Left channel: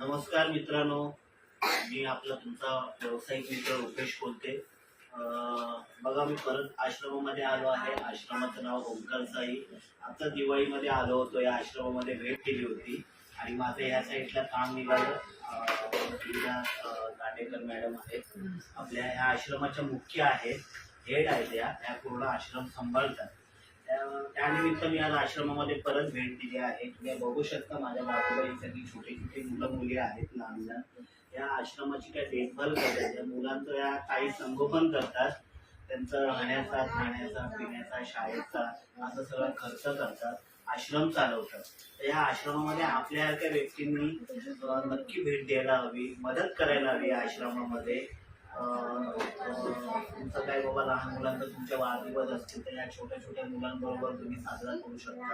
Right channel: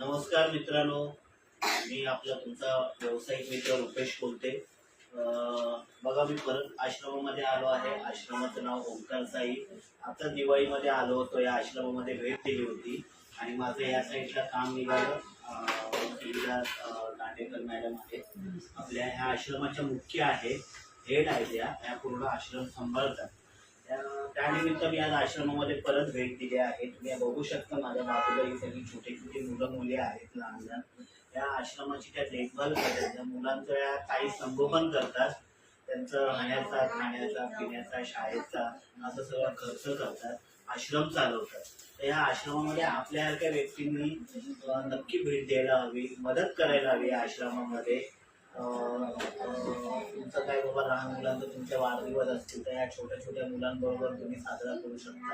नमस्कार मित्रांनो, मी आपला तुमचा व्यावसायिक मित्र रुपेश बोलते. बघा, मी परत आश्रमामध्ये आलो आहे. आश्रमाचं नाव ओंकार साई. आता दिवाळीमध्ये आलो होतो, या आश्रमामध्ये भेट दिली होती आणि माझं या साईडला काम निघालं. दाटेकर मॅडम आहेत, आपल्या ह्या आश्रमाच्या मुख्य आहेत, हेड आहेत, या पूर्ण आश्रम सांभाळतात. त्यानिमित्त मी आज आश्रमामध्ये परत भेट दिली आहे. तुम्ही बघू शकता माझ्या बाजूला ही सगळी छोटी छोटी मुलं मुली आहेत, लहान लहान. या आश्रमाची त्या देखभाल करतात, त्या मुलांचं या काही संगोपन करतात, त्यांचं राहण्याचा, खाण्याचा, पिण्याचा, शाळेचा असं सगळा खर्च करतात, आश्रम चालवतात. तर या आश्रमामध्ये आपल्यासारख्या व्यक्तींनी नक्की भेट द्यायला हवी, मदत करायला हवी. या आश्रमामध्ये तुमचं काय बाबा लहान मुलांचं तुमच्या वाढदिवस असतील तर या छोट्या छोट्या मुलांबरोबर तुम्ही साजरा करू शकता.